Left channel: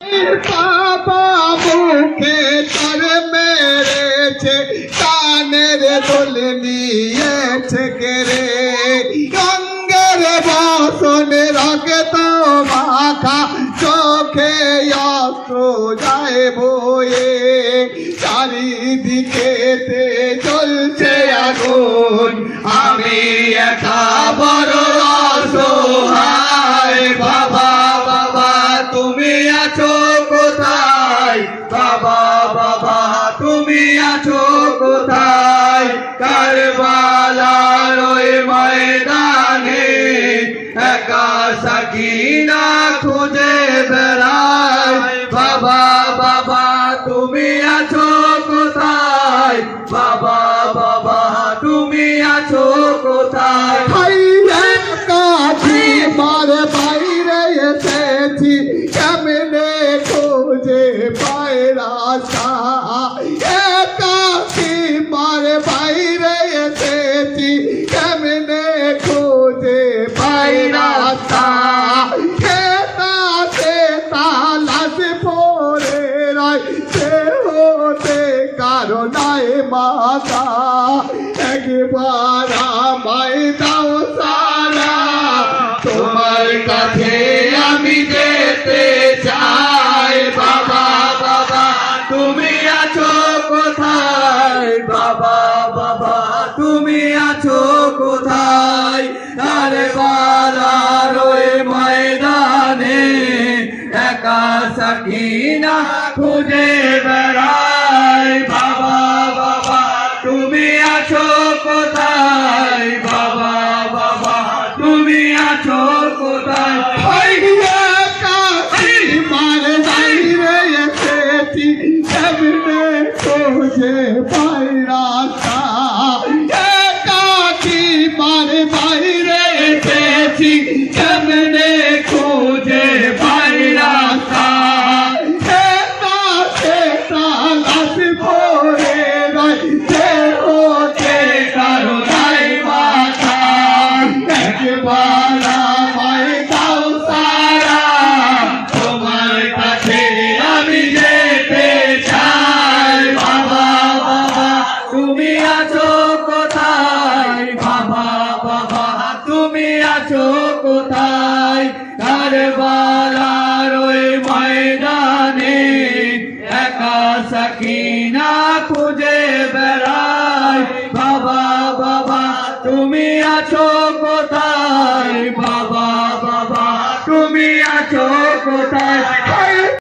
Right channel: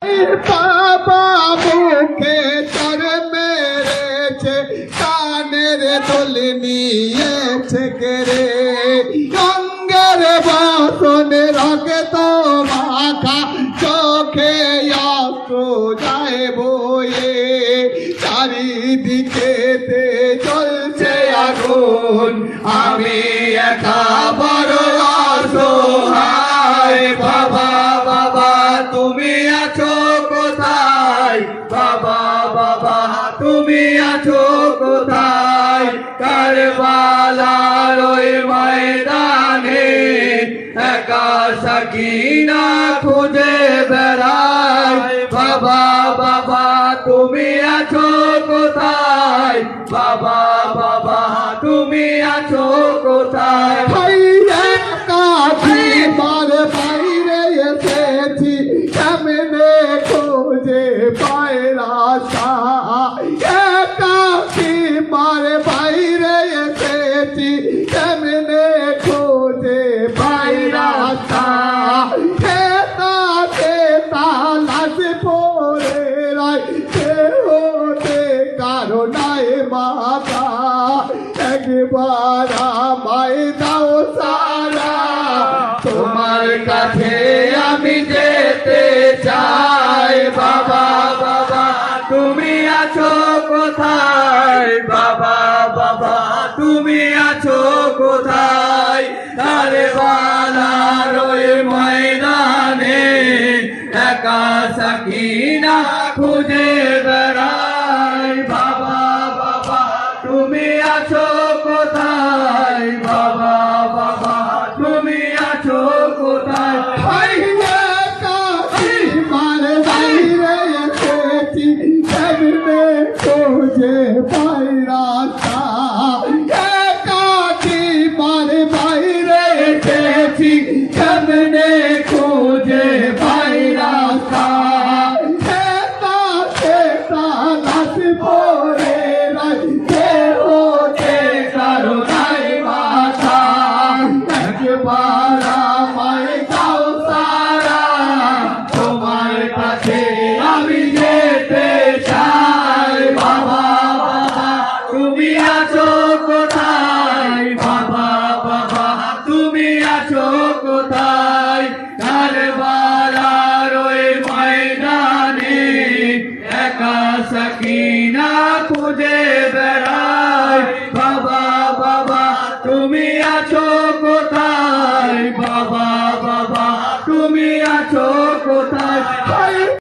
বাবা মুখে তার মেরেছে, কানের দোল নিয়েছে কেড়ে, রঙের বাসন রক্ত মাখা, চোখে অস্ত্র যায় বয়ে, চারিদিকে চলছে আগুন, আমি একা বড় অসহায়। বাবা বাবা তুমি আছো কোথায়, বাবা বাবা তুমি আছো কোথায়, কারবালার ওই ময়দানে একা সাকিনা খুঁজে বেড়ায়। বাবা বাবা তুমি আছো কোথায়, বাবা বাবা তুমি আছো কোথায়। বাইরে এসেছি কেমনে খোঁজে পায় রাস্তা, একাকি মারে বাইরে এসেছি কেমনে খোঁজে পায় রাস্তা, খেতাতে তালাশ পড়ে রয়, সে হতে কারণায় মাথা, একবার আমায় দাও সারা, তোমার কাছে আমি যেতে চাই। বাবা বাবা তুমি আছো কোথায়, বাবা বাবা তুমি আছো কোথায়, কারবালার ওই ময়দানে একা সাকিনা খুঁজে বেড়ায়।